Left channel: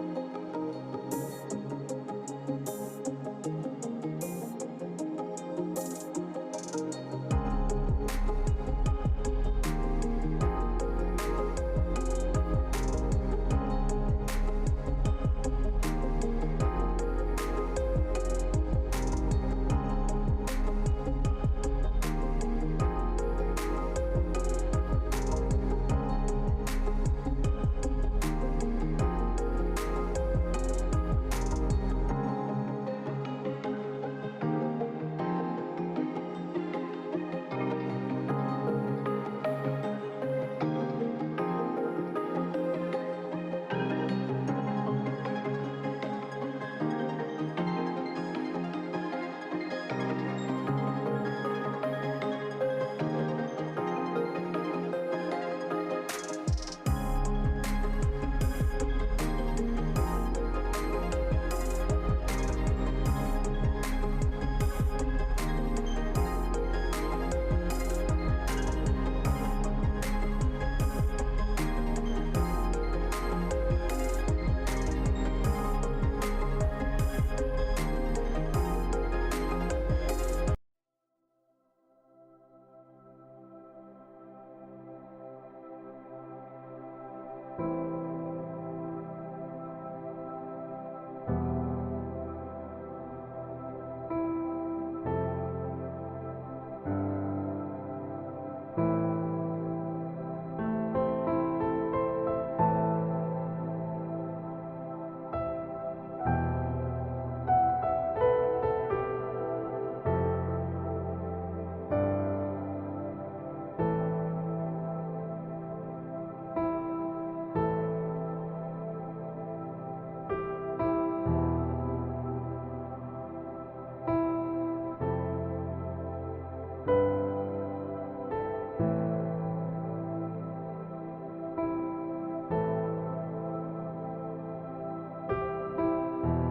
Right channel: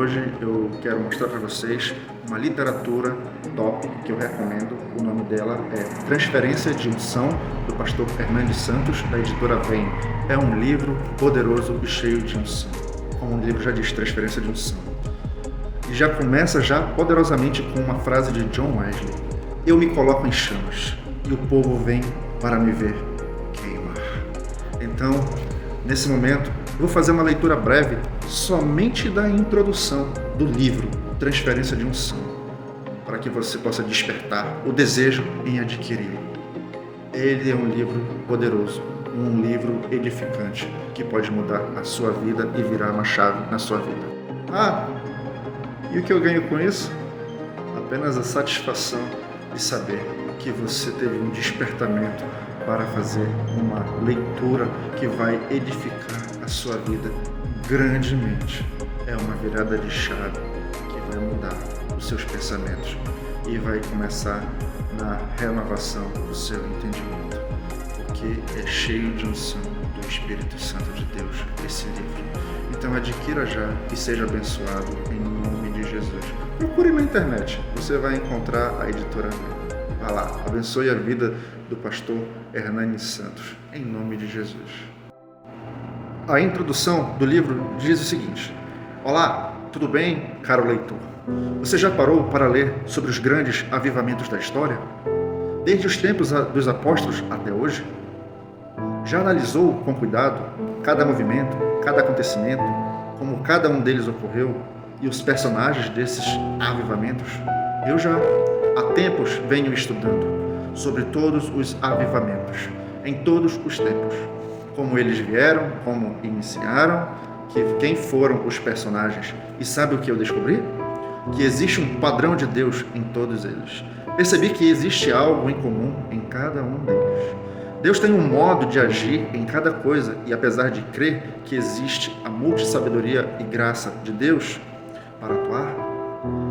hoje eu quero mostrar para vocês uma literatura top que eu recomendo. O nome dela é Transferência de Unção, do pastor Hernani Santos, da editora Vem. É um livro poderoso e cheio de unção. Como o livro já diz, Transferência de Unção. E já começa poderosamente com uma frase de John Wesley: eu me coloco em chamas e o povo vem para me ver queimar. Então, nesse momento, eu vou fazer uma leitura breve somente da introdução do livro Transferência de Unção, para que você possa despertar o desejo em adquiri-lo. Ele é um livro poderoso, um livro edificante, que pode mudar a sua vida e virar uma chave na sua vida. E o que eu ganho com isso? Apenas a satisfação de saber que você teve um despertamento para fazer uma leitura que vai edificar a sua vida grandemente. É uma virada de chave que vai mudar os seus pensamentos e vai começar na renovação do seu entendimento, porque é cheio de unção do Espírito Santo de Deus esse livro. Então adquira já e seja abençoado em nome de Jesus. Procure na internet, você vai encontrar a editora. Vá lá, abençoe a vida do pastor Hernani Santos, em nome de Jesus. A introdução do livro diz o seguinte: olá, tudo bem, caro leitor? Você já parou para ler sobre os grandes avivamentos da história? Desde os tempos dos apóstolos até hoje? Já analisou com cuidado cada movimento, cada acontecimento, como cada um deles ocorreu e os personagens desses avivamentos? Eu já há tempos venho estudando sobre todos os avivamentos, em todos os tempos, como eles vieram, como iniciaram, quem foram os personagens. E sabe o que eu descobri? Que existe um padrão de Deus em todos eles. Percebi que existe algo em comum em cada um deles. Deus tem um modo de agir em cada coisa, e apesar de crer que existe a multissabedoria e graça de Deus para atuar,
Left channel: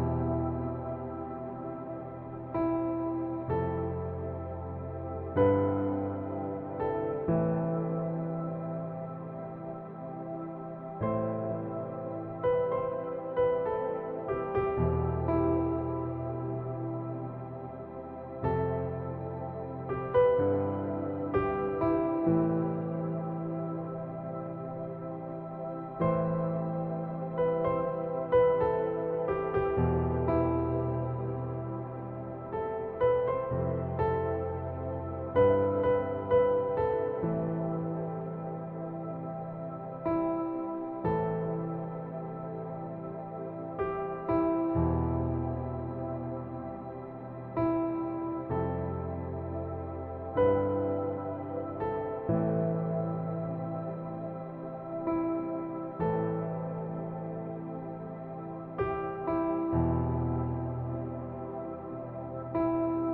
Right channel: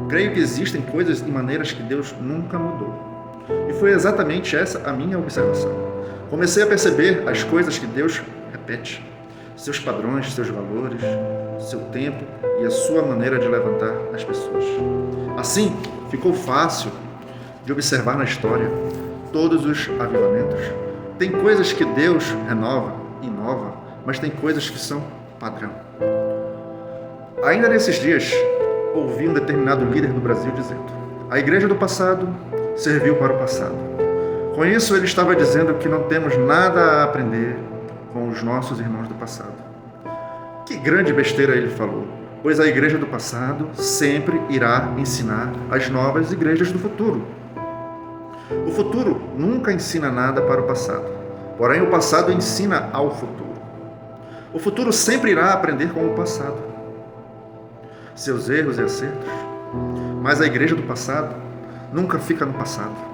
creio que existem coisas e maneiras que Deus nunca mudou. E foi exatamente essa a minha observação. Comecei a perceber as coisas que Deus repete, seus padrões, seus valores, seu tempo e a sua maneira de levantar as pessoas. Assim, ficou fácil de observar na história todos os avivamentos. Tem coisas que Deus renova, inova, mas tem coisas que são padrão. Ainda nesses dias, ouvi um determinado líder do Brasil dizendo: a igreja do passado serviu para o passado. Com isso, ele estava dizendo que não temos nada a aprender com os nossos irmãos do passado. Que grande besteira ele falou, pois a igreja do passado sempre irá ensinar as novas igrejas do futuro. O futuro nunca ensina nada para o passado, porém o passado ensina ao futuro. O futuro sempre irá aprender com o passado, seus erros e acertos, mas a igreja do passado nunca fica no passado.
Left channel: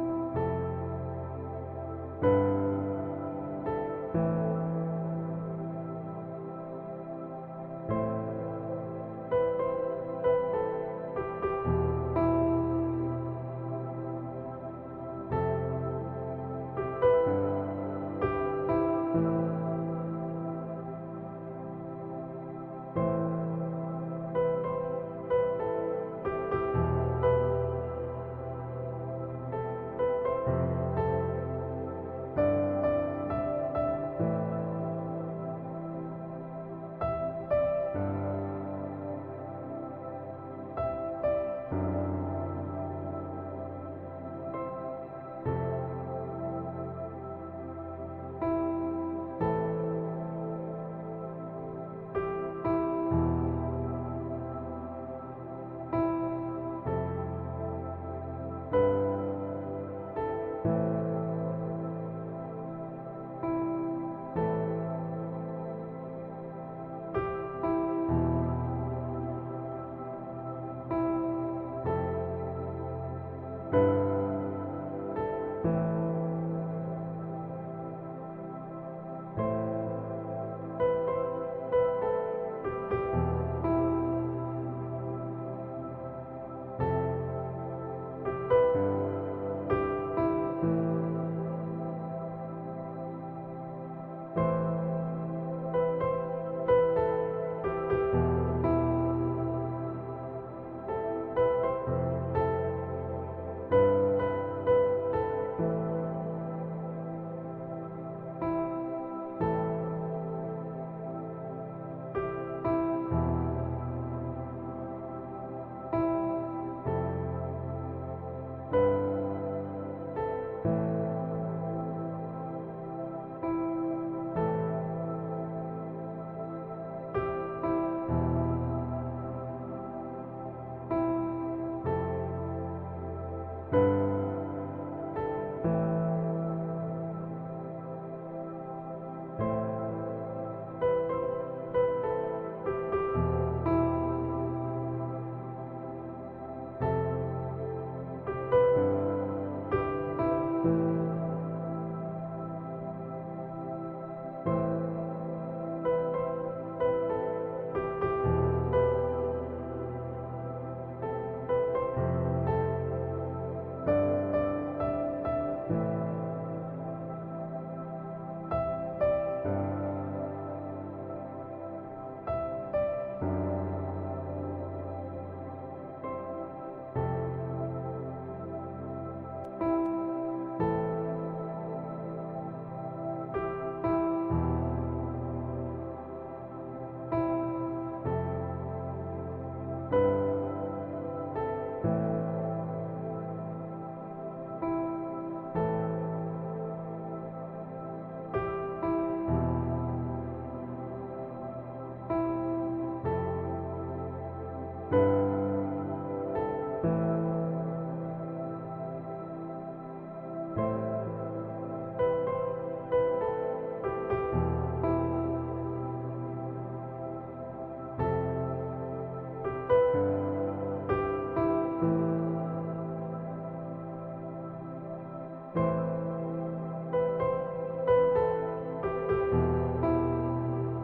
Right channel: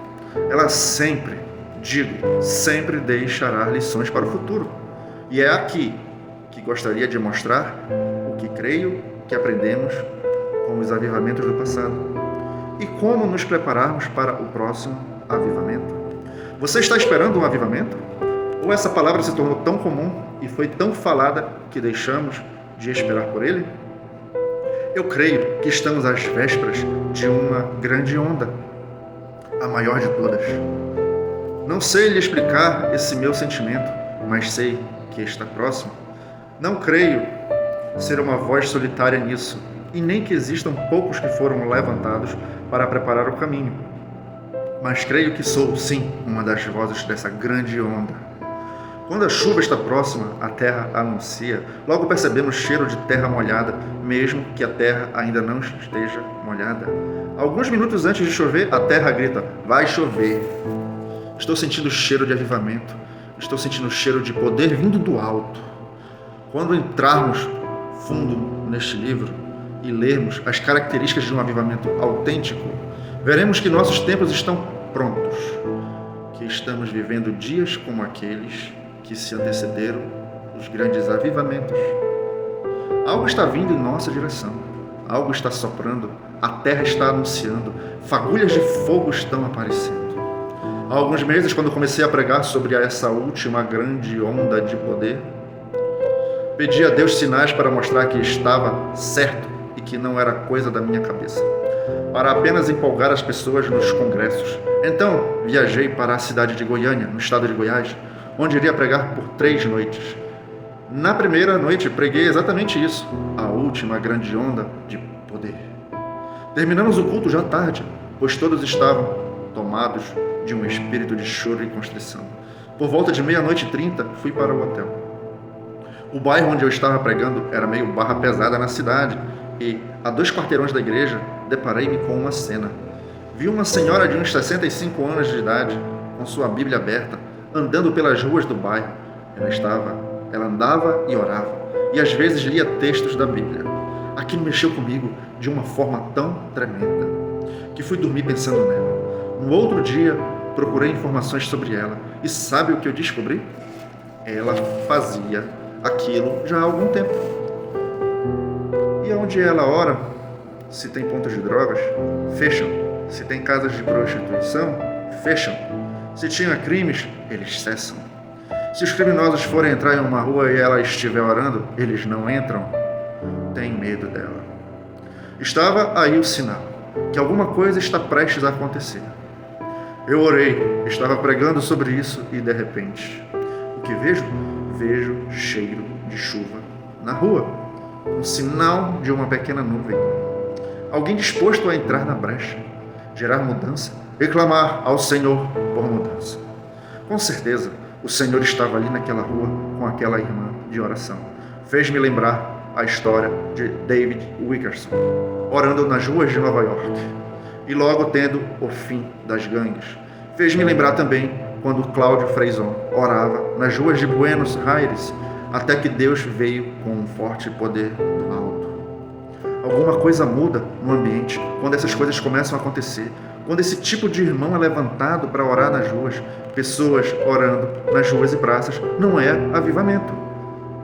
Ela sempre deixará lições para o futuro. E é aqui que gostaria de mostrar o que creio que aprendemos com os avivamentos do passado e como nos prepararmos para o próximo avivamento. Você está esperando um avivamento? Ou essa palavra se tornou tão comum e foi tão falada que deixamos de esperar por ele? Eu creio que estamos às vésperas de uma grande onda, a maior de todas. Não sei lhe explicar esse meu sentimento, mas sei que está próximo. Não creio ser uma voz solitária nisso, e nem que existam poucos que foram levantados para preparar o caminho. Mas creio que sou, sim, uma das vozes dessa grande onda. Quando a chuva está próxima, a terra anuncia. Logo percebemos cheiro de terra molhada, mesmo que a terra ainda não esteja molhada. Alguns minutos antes de chover, a terra grita: vai chover. Estou sentindo o cheiro de avivamento. Estou sentindo o cheiro de poder vindo do alto. Quando entrarmos fundo neste livro e lermos as características de um avivamento autêntico, veremos que nossos tempos estão prontos, que estamos vivendo dias como aqueles que se antecederam os grandes avivamentos. Algo está vindo em nossa direção, algo está soprando, a terra está anunciando, fagulhas de fogo estão aparecendo. Há alguns meses, quando comecei a pregar sobre essa última grande onda de poder, pedi a Deus sinais para mostrar que estava certo e que não era coisa da minha cabeça, para apenas empolgar as pessoas nos congressos. Então, viajei para a cidade de Goiânia, no estado de Goiás, onde iria pregar por 3 noites. Na primeira noite, preguei exatamente isso, a última grande onda de poder. Terminamos o culto já tarde, pois todos estavam tomados de um espírito de choro e constrição. Por volta de 00:30, fui para o hotel. O bairro onde eu estava pregando era meio barra pesada na cidade e, a 2 quarteirões da igreja, deparei-me com uma cena. Vi uma senhora de uns 65 anos de idade, com sua Bíblia aberta, andando pelas ruas do bairro. Ela andava e orava, e às vezes lia textos da Bíblia. Aquilo mexeu comigo de uma forma tão tremenda, que fui dormir pensando nela. No outro dia, procurei informações sobre ela, e sabe o que eu descobri? Ela fazia aquilo já há algum tempo. E onde ela ora, se tem pontos de drogas, fecham. Se tem casas de prostituição, fecham. Se tinha crimes, eles cessam. Se os criminosos forem entrar em uma rua e ela estiver orando, eles não entram. Tem medo dela. Estava aí o sinal, que alguma coisa está prestes a acontecer. Eu orei, estava pregando sobre isso e, de repente, o que vejo? Vejo cheiro de chuva na rua, um sinal de uma pequena nuvem. Alguém disposto a entrar na brecha, gerar mudança e clamar ao Senhor por mudança. Com certeza, o Senhor estava ali naquela rua com aquela irmã de oração. Fez-me lembrar a história de David Wilkerson, orando nas ruas de Nova York e logo tendo o fim das gangues. Fez-me lembrar também quando Cláudio Freison orava nas ruas de Buenos Aires, até que Deus veio com um forte poder do alto. Alguma coisa muda no ambiente quando essas coisas começam a acontecer. Quando esse tipo de irmão é levantado para orar nas ruas, pessoas orando nas ruas e praças, não é avivamento.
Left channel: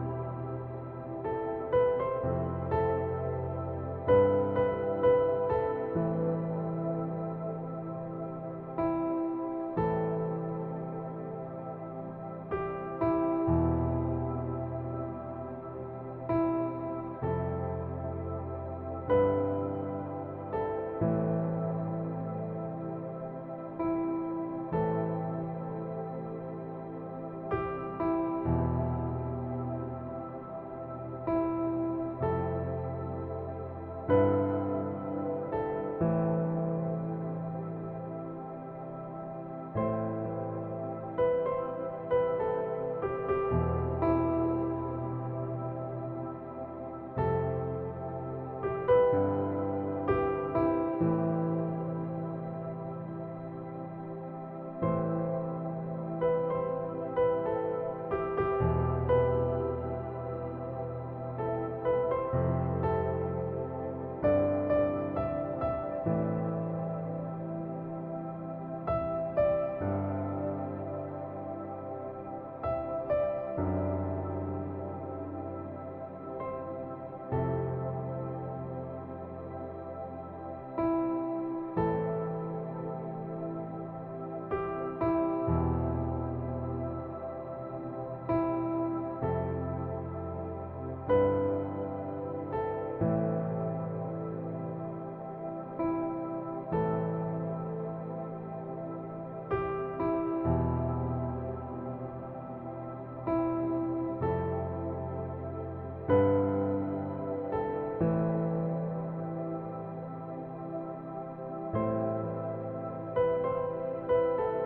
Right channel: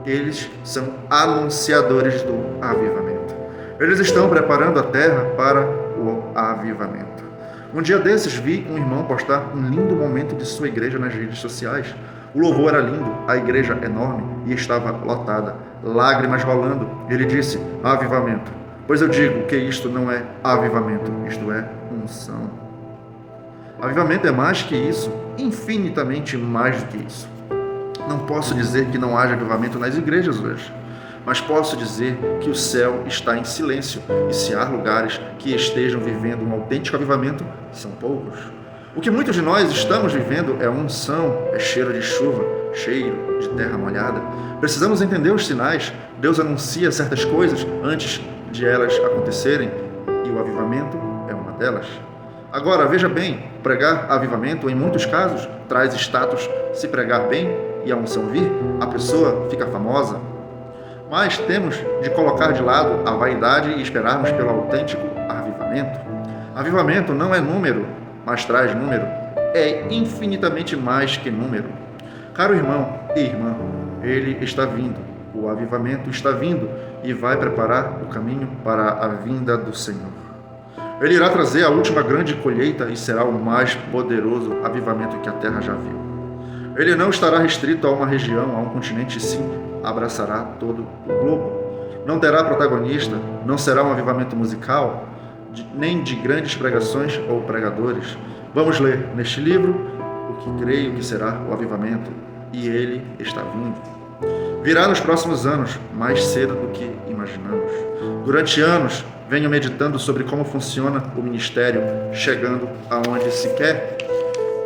Eles são anunciadores do avivamento. Eles estão preparando a terra para o avivamento. Um dia desses, vi um irmão postar um lindo momento de sua igreja nas redes sociais. O louvor era lindo, a igreja enorme e estava lotada, lágrimas rolando. Ele disse, avivamento. Pois eu digo que isto não é avivamento, isto é unção. Avivamento é mais que isso, infinitamente mais do que isso. Não posso dizer que não haja avivamento nas igrejas hoje, mas posso dizer que o céu está em silêncio e se há lugares que estejam vivendo um autêntico avivamento, são poucos. O que muitos de nós estamos vivendo é unção, é cheiro de chuva, cheiro de terra molhada. Precisamos entender os sinais. Deus anuncia certas coisas antes de elas acontecerem e o avivamento é uma delas. Agora, veja bem, pregar avivamento, em muitos casos, traz status. Se pregar bem e a unção vir, a pessoa fica famosa. Mas temos de colocar de lado a vaidade e esperarmos pelo autêntico avivamento. Avivamento não é número, mas traz número. É infinitamente mais que número. Caro irmão e irmã, ele está vindo. O avivamento está vindo e vai preparar o caminho para a vinda do Senhor. Ele irá trazer a última grande colheita e será o mais poderoso avivamento que a terra já viu. Ele não estará restrito a uma região, a um continente, sim, abraçará todo o globo. Não terá protagonista, não será um avivamento musical, nem de grandes pregações ou pregadores. Vamos ler neste livro o que creio que será o avivamento, e ele está vindo. Virá nos próximos anos, mais cedo do que imaginamos. Durante anos, venho meditando sobre como funciona o ministério, chegando aonde se quer.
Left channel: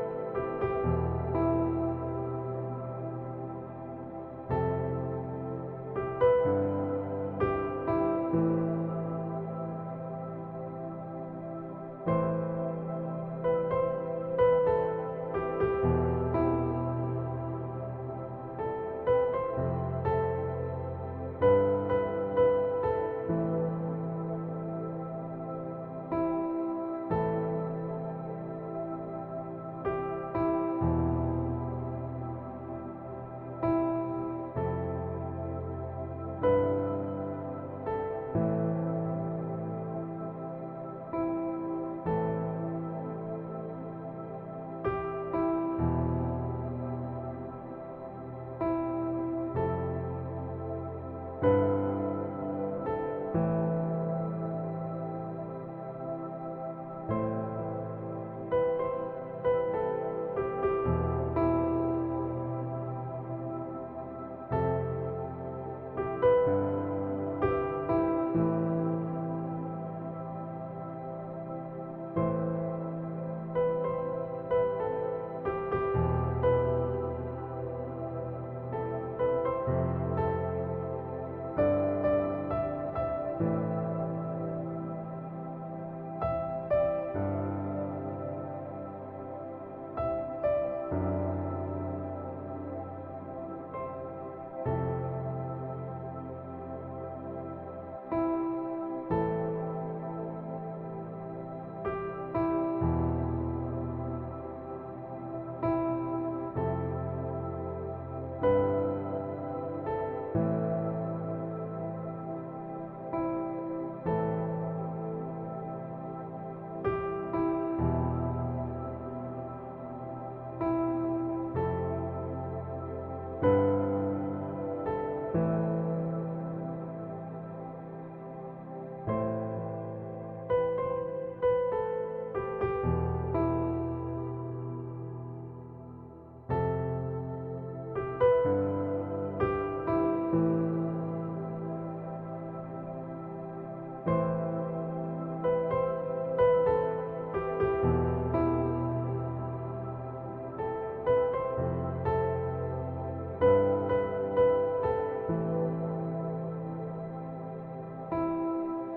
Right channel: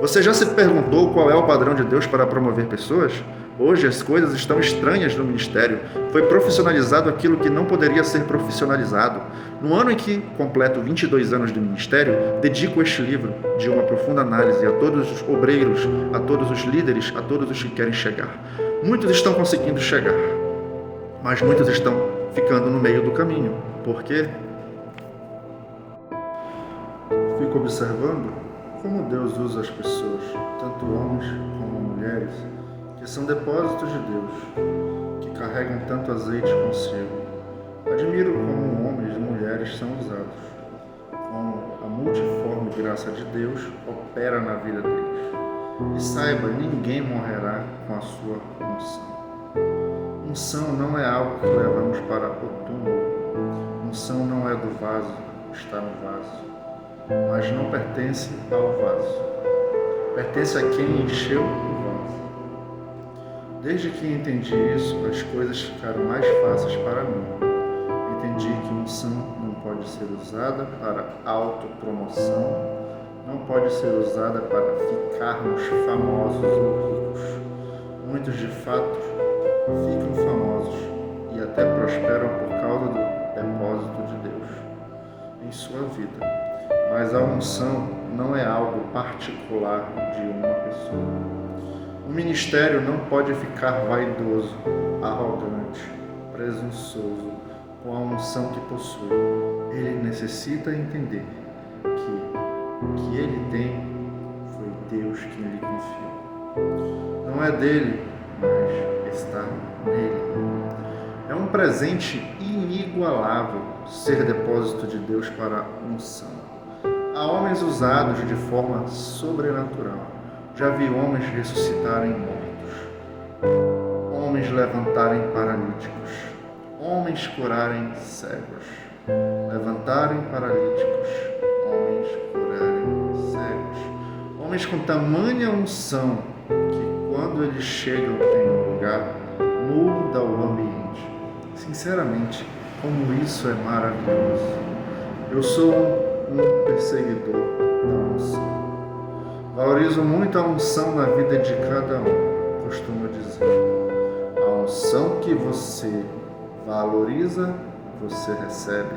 Você já se perguntou qual é o padrão de Deus para promover pessoas? Hoje as coisas estão estranhas no ministério. Foi profissionalizado aquilo que não poderia ser profissionalizado. No ano em que completo 22 anos de ministério, dedico este livro de uma profunda análise a todos os obreiros, a todos os líderes, a todos os que querem chegar. Muitos estão conseguindo chegar, mas muitos estão ficando no meio do caminho. Por quê? Fico observando como Deus usa as pessoas, tanto homens como mulheres, que são depósitos de Deus, que carregam tanto azeite consigo. Admiro como homens e mulheres são usados, como a multiforme graça de Deus opera na vida deles. E saiba, ninguém morrerá com a sua unção. Unção não é algo que levamos para o túmulo. unção não é do vaso, está no vaso, mas não pertence ao vaso. Pertence a quem encheu o vaso. Desde que entendi isso, as coisas ficaram mais fáceis para mim. Entendi que unção não pode ser usada para autopromoção, não pode ser usada para ficarmos famosos ou ricos. Muitos, de fato, ficam famosos e até prosperam por causa do depósito de Deus em sua vida. Mas a unção não é algo particular de uma pessoa. O ministério não pode ficar vaidoso, arrogante, presunçoso com a unção que possui. Ele necessita entender que o que ele tem foi Deus quem lhe confiou. Não é dele, mas está nele. É um presente inigualável ser depósito de Deus para a unção. Há homens usados de forma sobrenatural. Já vi homens ressuscitarem mortos, homens levantarem paralíticos, homens curarem cegos, levantarem paralíticos, homens curarem cegos, homens com tamanha unção que quando eles chegam em um lugar, muda o ambiente. Sinceramente, como isso é maravilhoso. Eu sou um perseguidor da unção. Valorizo muito a unção na vida de cada um, costumo dizer. A unção que você valoriza, você recebe.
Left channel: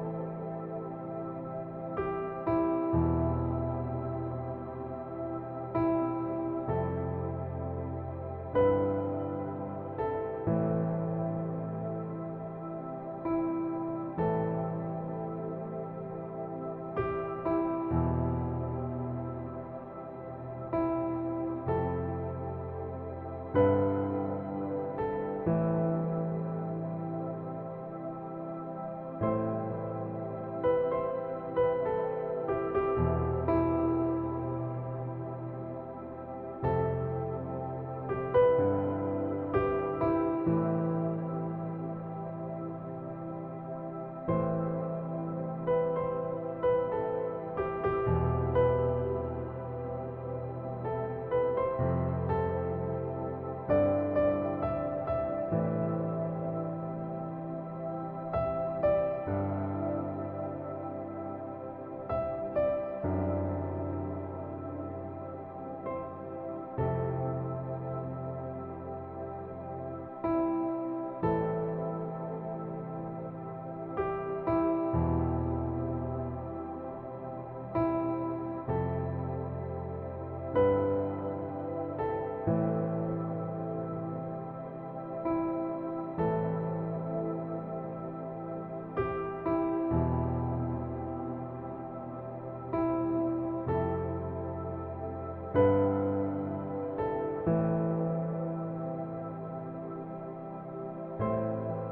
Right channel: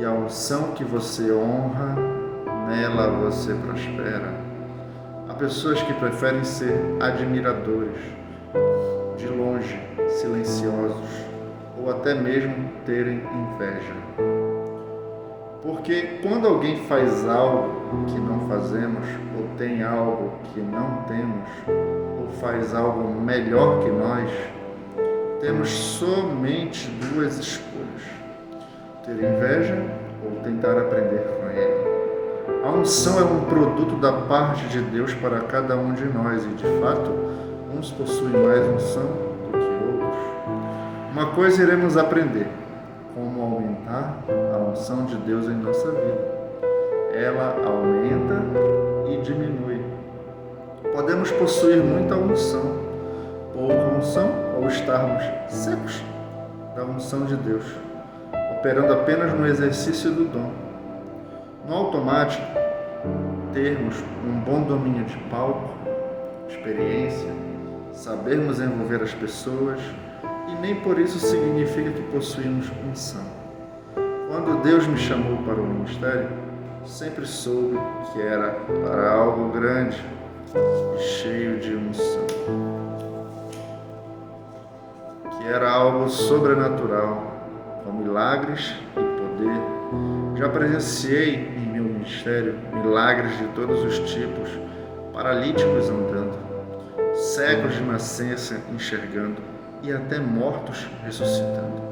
E a unção que você honra, nela você prospera. Há pessoas que preferem ser admiradores, de longe, silenciosos, ou até mesmo terem inveja. Porque quando alguém faz algo que não fazemos, ou tem algo que não temos, ou faz algo melhor que nós, temos somente duas escolhas: ter inveja ou tentar aprender com ele. A unção é um produto da parte de Deus para cada um de nós e, de fato, uns possuem mais unção do que outros. Uma coisa iremos aprender: como aumentar a unção de Deus em nossa vida. Ela aumenta e diminui. Podemos possuir muita unção, pouca unção, ou estarmos secos da unção de Deus, operando apenas no exercício do dom. No automático, termos um bom domínio de palco, experiência, sabermos envolver as pessoas, e nem por isso significa que possuímos unção. Quando Deus me chamou para o ministério, sempre soube que era para algo grande e cheio de unção, que era algo sobrenatural, com milagres e poder. Já presenciei em meu ministério milagres de todos os tipos, paralíticos andando, cegos de nascença enxergando e até mortos ressuscitando.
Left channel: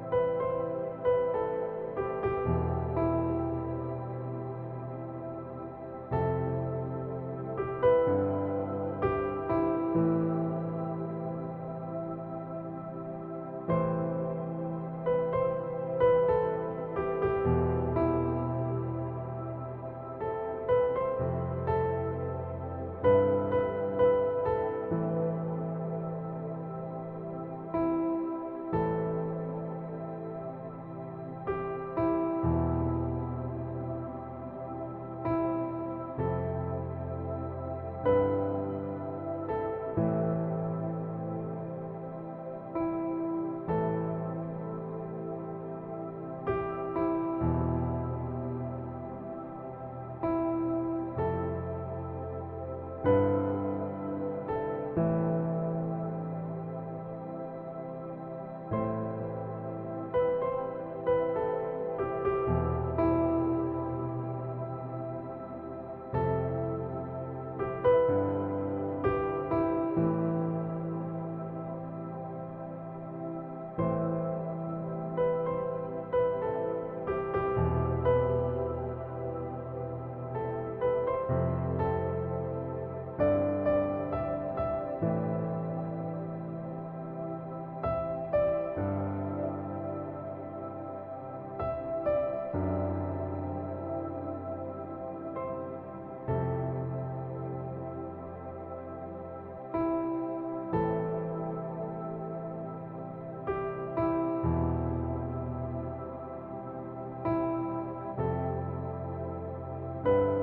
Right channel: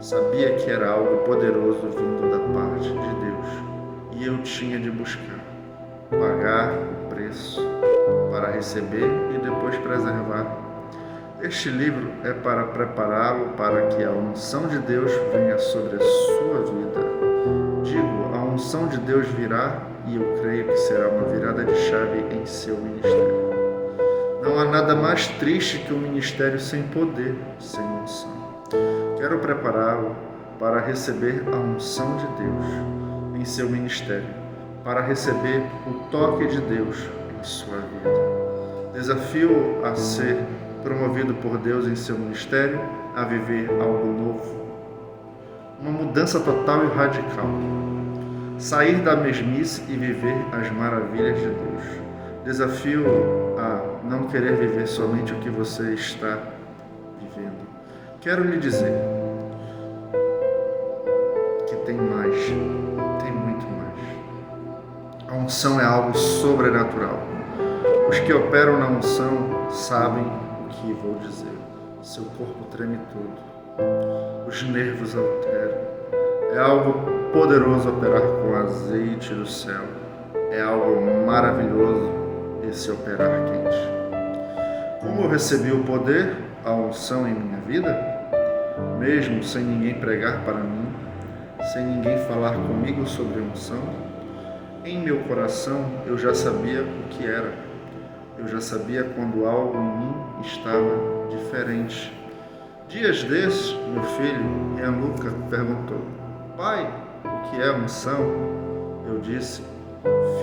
Sabia que era algo poderoso vindo da parte de Deus e eu tinha de buscar, pagar o preço para receber e depois preservar. Este livro é para prepará-lo para que a unção de Deus venha sobre a sua vida. Digo, a unção de Deus virá e eu creio que será uma virada de chave em seu ministério. Não há nada mais triste que um ministério sem poder, sem unção. Quero prepará-lo para receber a unção de Deus em seu ministério, para receber o toque de Deus em sua vida. Desafio a ser promovido por Deus em seu ministério, a viver algo novo. Uma mudança total e radical. Sair da mesmice e viver as maravilhas de Deus. Desafio a não querer viver somente o que você está vivendo. Quero lhe dizer que tem mais, tem muito mais. A unção é algo sobrenatural. Os que operam na unção sabem o que vou dizer. Seu corpo treme todo, os nervos alteram. É algo poderoso operar com azeite do céu. É algo maravilhoso esse operar quente. Como eu recebi o poder, a unção em minha vida, mesmo sem ninguém pregar para mim, sem ninguém falar comigo sobre unção? Em meu coração eu já sabia o que era. Eu já sabia quando algo em mim estava diferente. Dias desses, meu filho, Ian Luca, perguntou: pai, o que é unção? Eu disse:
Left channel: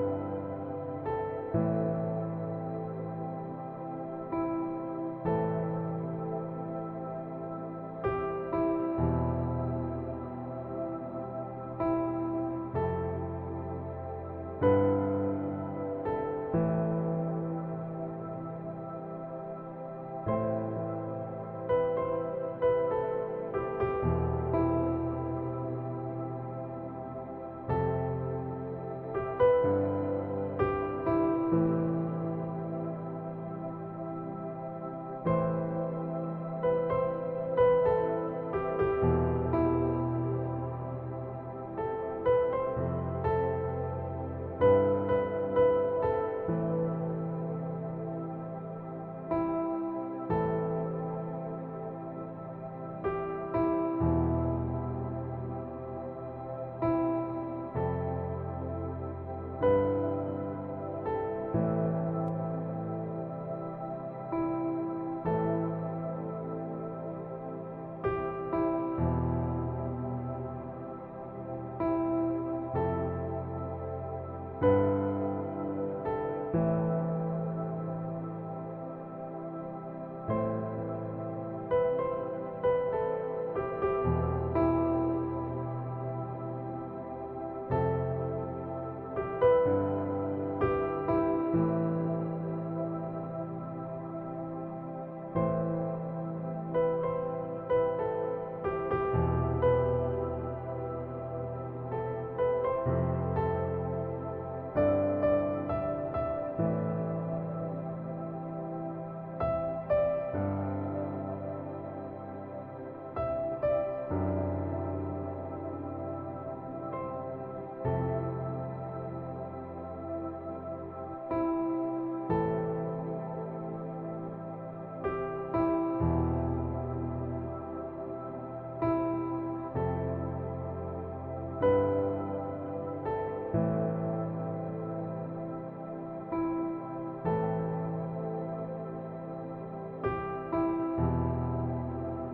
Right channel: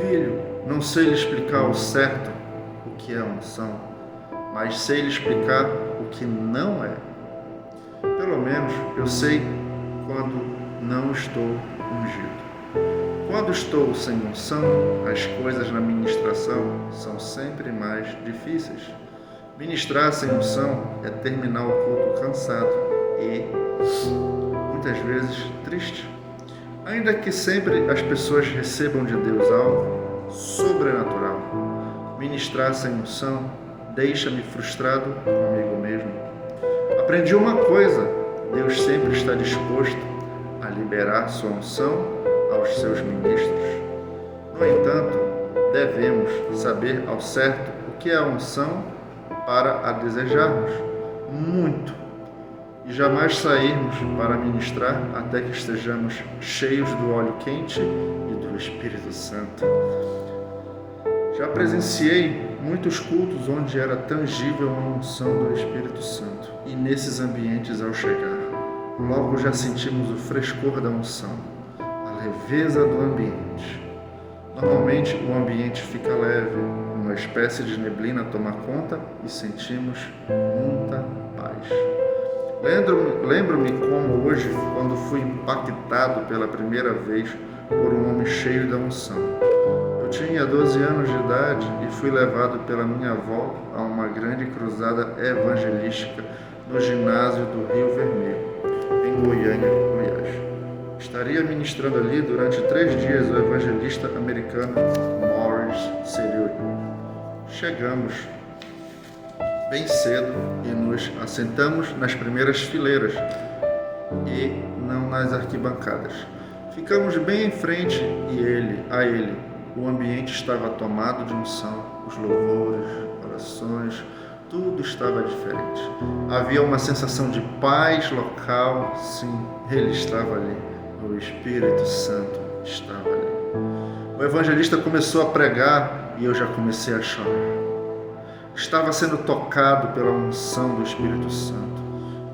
filho, não sei lhe explicar ao certo o que é unção, mas sei lhe explicar o que não é. Pelo menos eu sei quando não estou ungido. Quando estou sem unção, as coisas na ministração são sempre mais difíceis. Ministrar sem unção é terminar o culto cansado e, muitas vezes, triste. Ainda que sempre as pessoas recebam de Deus algo sobrenatural, ministrar sem unção deixa-me frustrado comigo mesmo. Aprendi uma coisa: Deus sempre está disposto a liberar sua unção aos seus ministros. No entanto, devemos saber ao certo o que é a unção para a desejarmos muito e jamais sairmos para ministrar até que estejamos cheios do óleo quente e do Espírito Santo. Já presenciei muitos cultos onde era tangível a unção do Espírito Santo, e nesses ambientes, ao chegar, logo já sentimos o frescor da unção, a leveza do ambiente. Normalmente o ambiente fica leve, uma espécie de neblina toma conta e sentimos muita paz. Lembro-me como hoje, quando fui impactado pela primeira vez por um homem cheio da unção. Eu tinha 12 anos de idade e fui levado pela minha avó a uma grande cruzada evangelística no ginásio do Rio Vermelho, em Goiânia, Goiás. Estaria ministrando ali durante 3 dias o evangelista americano Morris Cerullo. Chegamos bem cedo e nos assentamos nas primeiras fileiras e não nas arquibancadas. Ficamos bem em frente e a ele. O ambiente estava tomado de unção, os louvores, orações, tudo estava diferente. Havia uma sensação de paz local, sim, ele estava ali. O Espírito Santo estava ali. O evangelista começou a pregar e eu já comecei a chorar. Estava sendo tocado pela unção do Espírito Santo.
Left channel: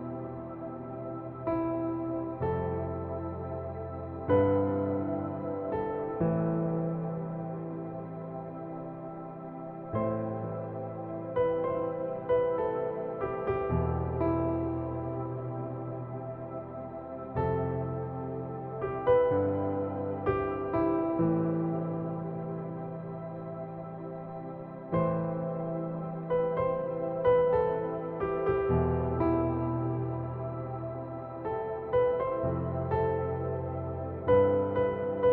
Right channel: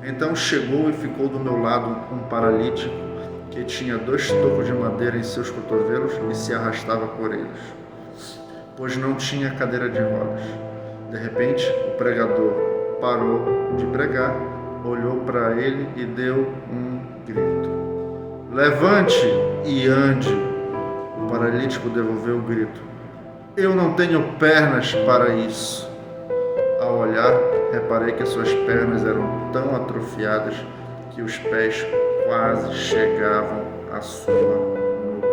Então chegou e ficou do meu lado um paralítico que tinha 2 tocos de madeira em seus cotovelos e se arrastava por eles, pois não tinha cadeira de rodas. De repente, o pregador parou de pregar, olhou para ele e deu um grito: levante e ande. O paralítico devolveu o grito: eu não tenho pernas para isso. Ao olhar, reparei que suas pernas eram tão atrofiadas que os pés quase chegavam à sua nuca.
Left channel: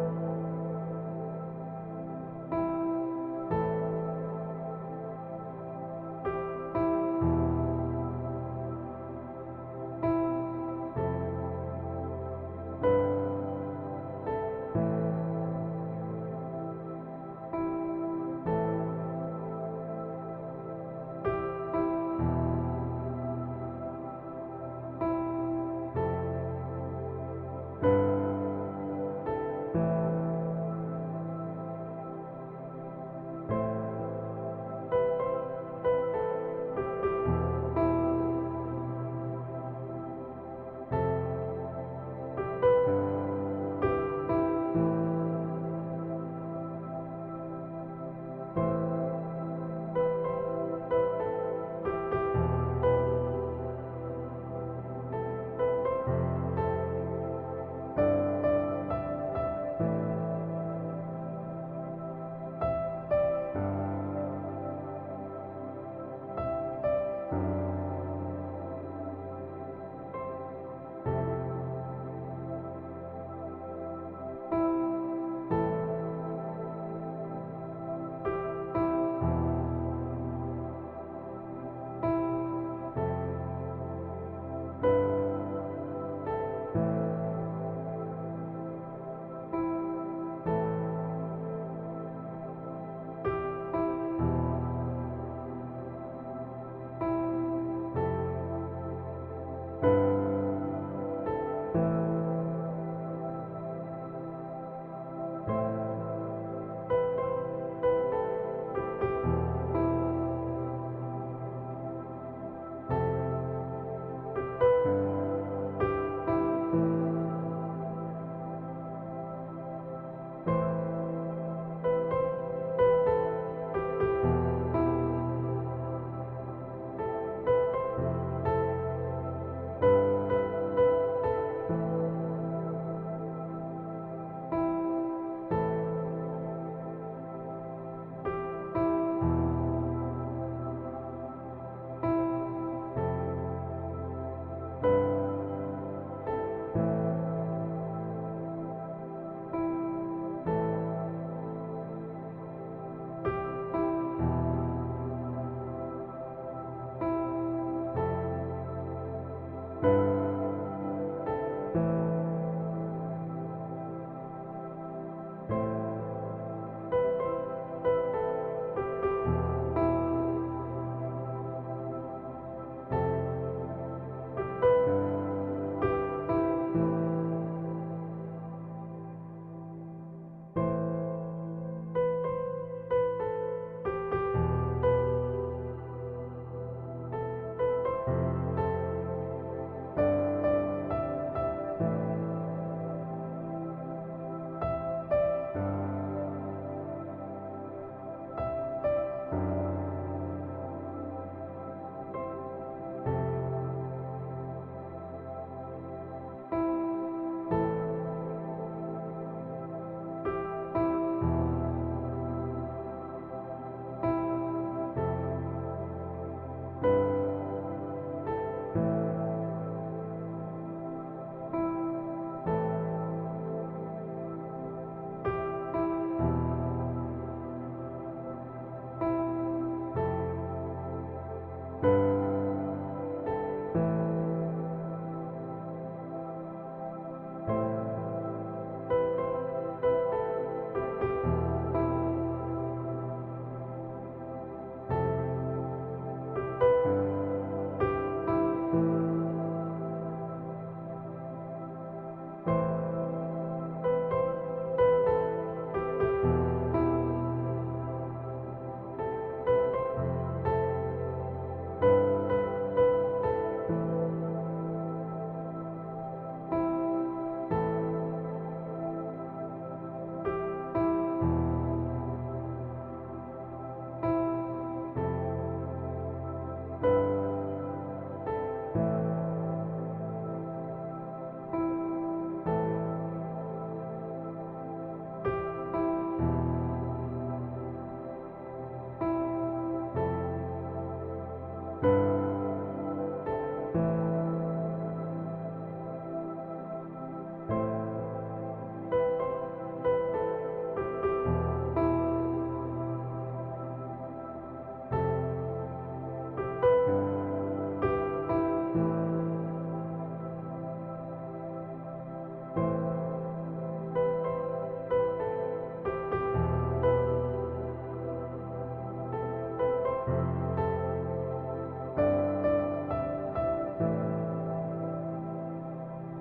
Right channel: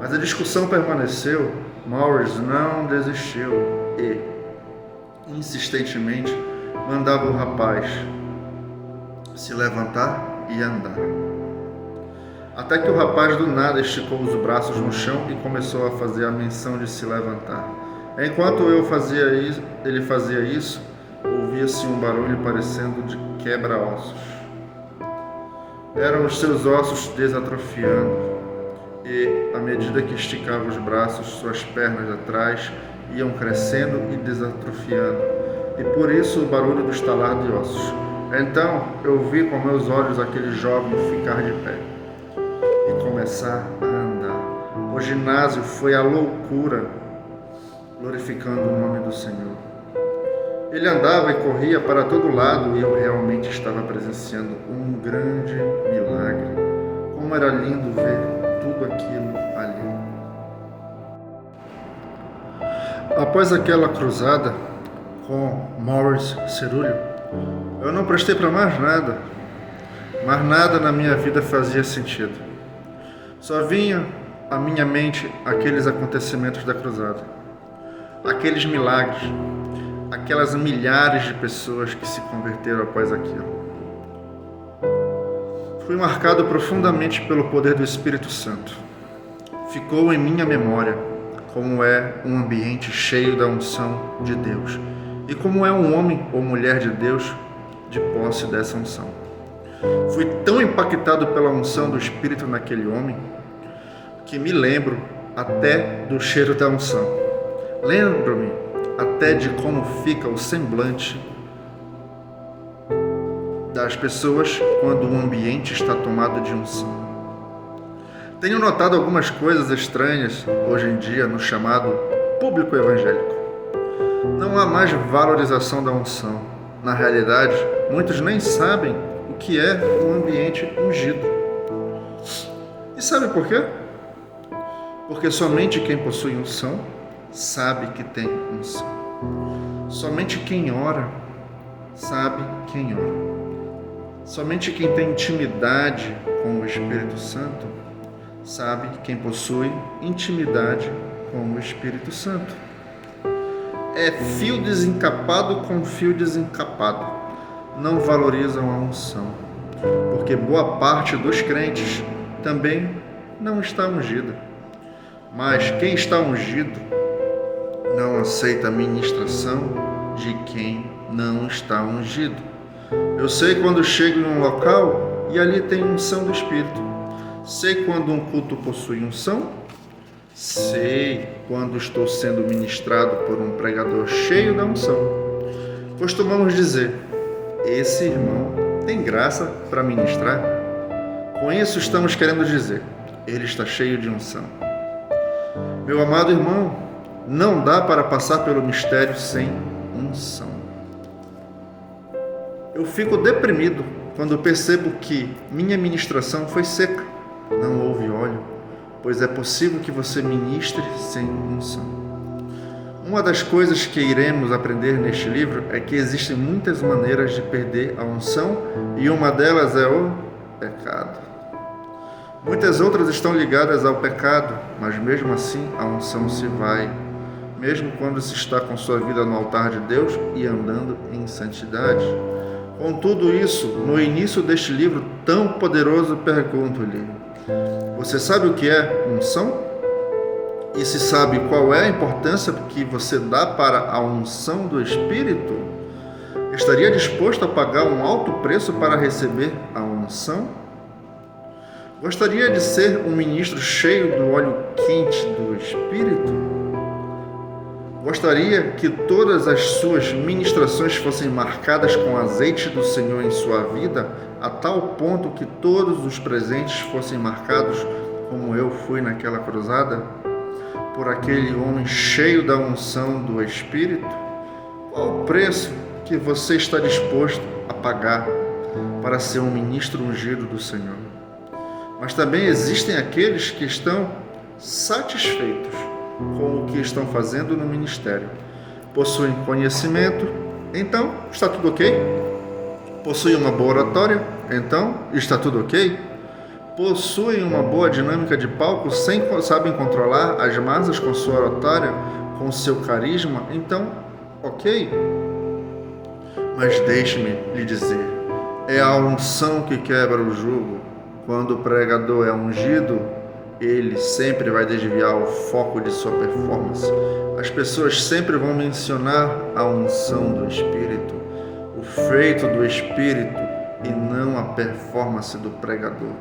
Mas a discussão permaneceu. Morris não desistiu e, insistentemente, mandava o rapaz se levantar e andar. Até que o rapaz do nada esticou os braços no chão e começou a fazer a menção de se levantar. Enquanto ele fazia isso, ouvia-se um barulho parecendo de quebra-ossos. Eram os seus ossos desatrofiando e, à medida que esticava os braços, suas pernas atrás iam crescendo e desatrofiando, e por isso o barulho do estalar de ossos. Então eu vi com meus olhos aquele jovem ficar de pé e começar a andar. O ginásio foi a loucura, glorificando o nome do Senhor. Ele andava e corria para todo lado e eu realmente estava presenciando um grande milagre. Como era lindo ver tudo aquilo ali. Após aquela cruzada com Morris Cerullo, eu não prestei para mais nada. Mas nada na minha vida fazia sentido. Só vinha à minha mente aqueles acontecimentos da cruzada, aqueles milagres, aquelas milhares de pessoas que se converteram após aquilo. Fui marcado profundamente pelo poder do Espírito Santo. Ficou em minha memória como é um ambiente cheio da unção de Deus e como é um homem ou mulher de Deus de posse dessa unção. Fui tão impactado pela unção do Espírito naquele homem que me lembro até do cheiro da unção. Lembro-me até de como fica o semblante das pessoas quando o ambiente está tomado de unção. Tenho notado algumas coisas estranhas hoje em dia no chamado público evangélico. Não há mais valorização da unção. Na realidade, muitos nem sabem o que é um ambiente ungido. E sabe por quê? Porque somente quem possui unção sabe que tem unção. Somente quem ora sabe quem ora. Somente quem tem intimidade com o Espírito Santo sabe quem possui intimidade com o Espírito Santo. É fio desencapado com fio desencapado. Não valorizam a unção, porque boa parte dos crentes também não está ungida. Mas quem está ungido não aceita a ministração de quem não está ungido. Eu sei quando chego em um local e ali tem unção do Espírito. Sei quando um culto possui unção. Sei quando estou sendo ministrado por um pregador cheio da unção. Costumamos dizer: esse irmão tem graça para ministrar. Com isso estamos querendo dizer: ele está cheio de unção. Meu amado irmão, não dá para passar pelo mistério sem unção. Eu fico deprimido quando percebo que minha ministração foi seca. Não houve óleo, pois é possível que você ministre sem unção. Uma das coisas que iremos aprender neste livro é que existem muitas maneiras de perder a unção e uma delas é o pecado. Muitas outras estão ligadas ao pecado, mas mesmo assim a unção se vai, mesmo quando se está com sua vida no altar de Deus e andando em santidade. Com tudo isso, no início deste livro tão poderoso, pergunto-lhe: você sabe o que é unção? E se sabe qual é a importância que você dá para a unção do Espírito? Estaria disposto a pagar um alto preço para receber a unção? Gostaria de ser um ministro cheio do óleo quente do Espírito? Gostaria que todas as suas ministrações fossem marcadas com azeite do Senhor em sua vida, a tal ponto que todos os presentes fossem marcados, como eu fui naquela cruzada, por aquele homem cheio da unção do Espírito? Qual o preço que você está disposto a pagar para ser um ministro ungido do Senhor? Mas também existem aqueles que estão satisfeitos com o que estão fazendo no ministério. Possuem conhecimento, então está tudo ok. Possuem uma boa oratória, então está tudo ok. Possuem uma boa dinâmica de palco, sabem controlar as massas com sua oratória, com seu carisma, então ok. Mas deixe-me lhe dizer, é a unção que quebra o jugo. Quando o pregador é ungido, ele sempre vai desviar o foco de sua performance. As pessoas sempre vão mencionar a unção do Espírito, o feito do Espírito e não a performance do pregador.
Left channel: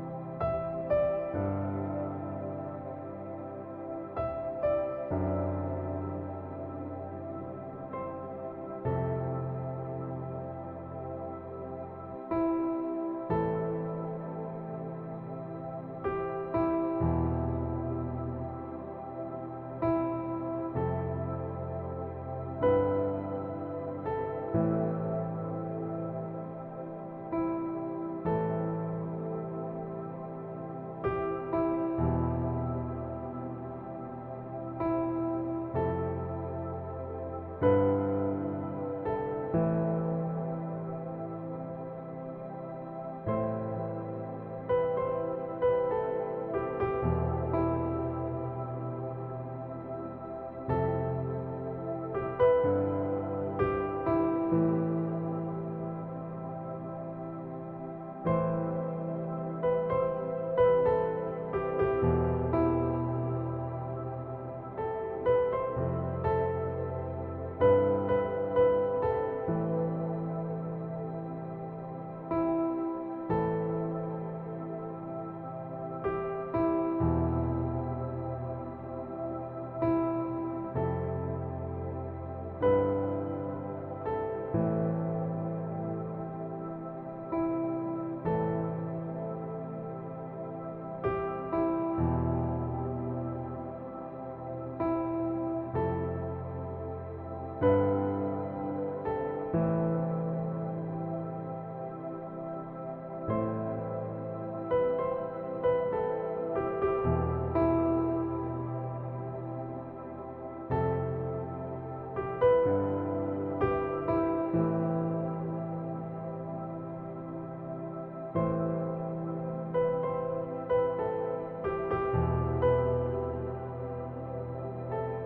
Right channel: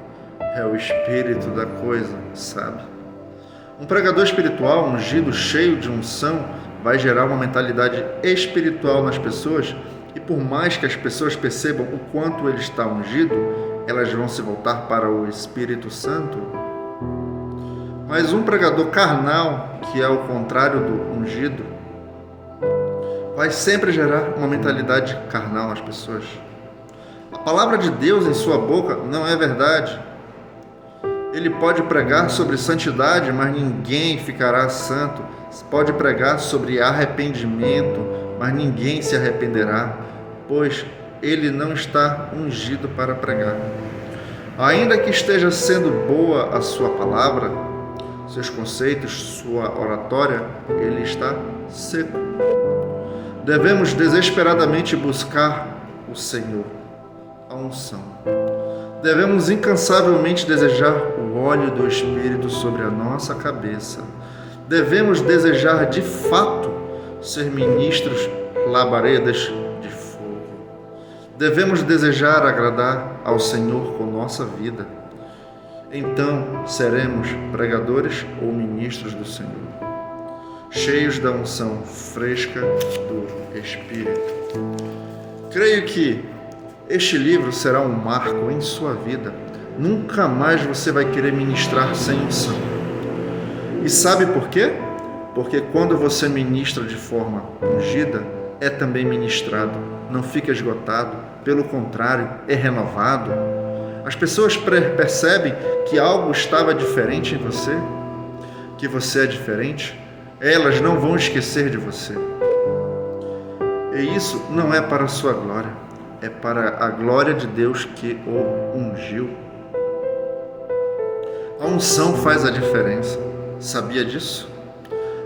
É o espírito da coisa, sabe? Um pregador espiritual, ungido, cheio de unção, vai gerar uma mentalidade espiritual nas pessoas e por mais que as pessoas percebam o quanto ele está ungido, elas vão se voltar para o Espírito Santo. Mas um pregador carnal, que é o contrário do ungido, vai sempre gerar uma mentalidade carnal nas pessoas. A palavra de Deus em sua boca não é verdade. Ele pode pregar sobre santidade, mas ninguém ficará santo. Pode pregar sobre arrependimento, mas ninguém se arrependerá, pois ele não está ungido para pregar. Ainda que esteja sendo boa a sua palavra, seus conceitos, sua oratória, ele está seco. Devemos desesperadamente buscar o Senhor, a unção. Devemos incansavelmente desejar o óleo do Espírito sobre a nossa cabeça. Devemos desejar de fato ser ministros labaredas de fogo. Devemos desejar agradar ao Senhor com nossa vida. Então seremos pregadores ou ministros do Senhor, cheios da unção fresca do Espírito. Creio que este livro será um marco em sua vida. Nunca mais você vai querer ministrar sem unção. E sabe por quê? Porque quando você ministra de forma ungida, é também ministrado. Não fica esgotado, pelo contrário, é renovado. As pessoas percebem que algo estava diferente em você, que você é diferente. Elas não vão esquecer de você. E isso não é para a sua glória, é para a glória de Deus que o ungiu. A unção faz a diferença. Sabia disso?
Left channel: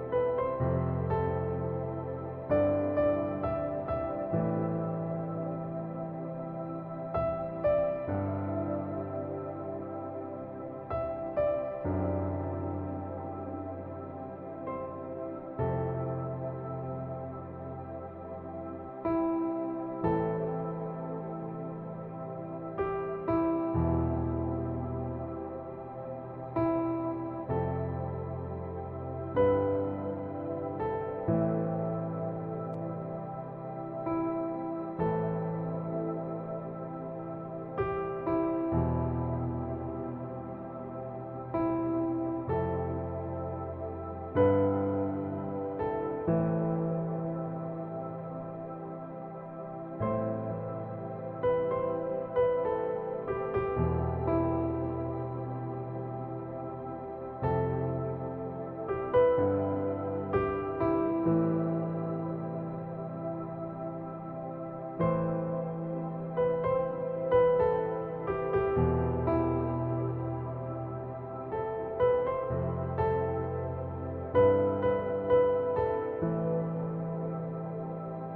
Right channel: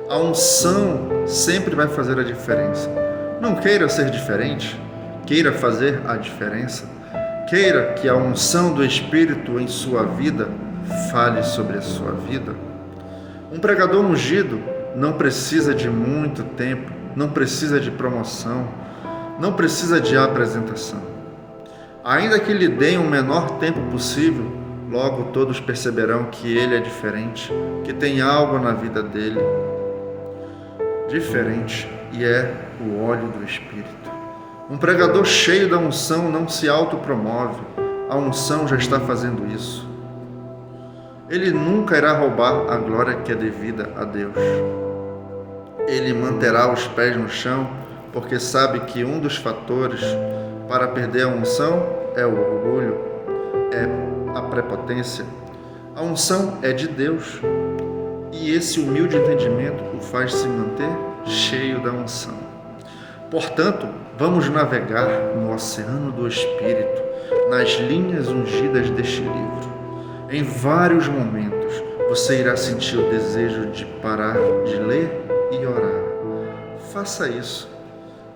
A unção sempre vai fazer a diferença. Não queira ser diferente, queira fazer a diferença. Queira que a unção do Espírito em sua vida fale sobre a sua vida. Um pregador ungido não precisa de muito tempo, não precisa de promoção, não precisa de apresentação. Ainda que lhe deem o menor tempo possível, logo todos perceberão que ele é diferente, que tem algo na vida dele diferente, e é o óleo do Espírito. Um pregador cheio da unção não se autopromove, a unção já está fazendo isso. Ele nunca irá roubar a glória que é devida a Deus. Ele manterá os pés no chão, porque sabe que um dos fatores para perder a unção é o orgulho, é a prepotência. A unção é de Deus, e esse humilde entendimento o faz se manter cheio da unção. Portanto, vamos navegar no oceano do Espírito, nas linhas ungidas deste livro. Em vários momentos, você irá sentir o desejo de parar de ler e orar. Faça isso.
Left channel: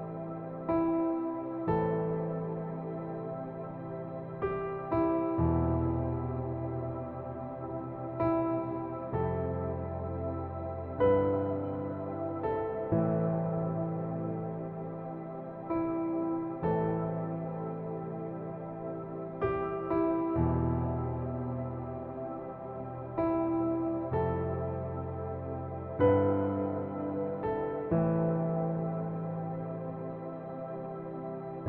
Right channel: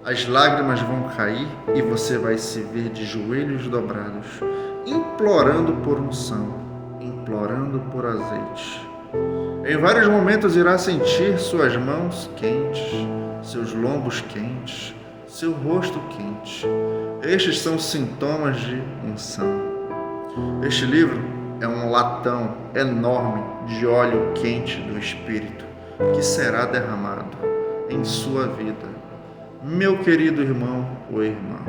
As lágrimas vão cair e você vai se ver de joelhos dobrados, implorando por unção, implorando por azeite. Em vários momentos irá sentir suas mãos quentes, seus lombos quentes, seu rosto quente. Estes são sintomas de unção. Este livro é um latão enorme de óleo quente do Espírito que será derramado em sua vida. Meu querido irmão ou irmã,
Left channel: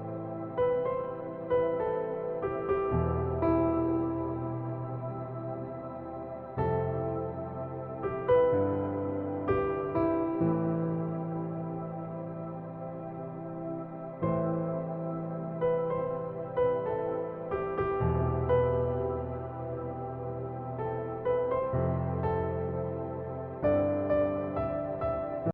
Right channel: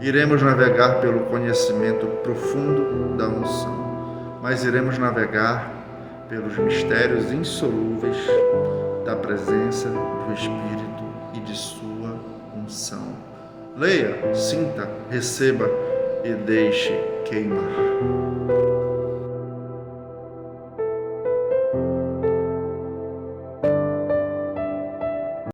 iremos navegar pelo conhecimento profundo da unção, mas iremos navegar pelos mistérios insolúveis da presença do Espírito e de sua unção. Leia, sinta, receba e deixe queimar.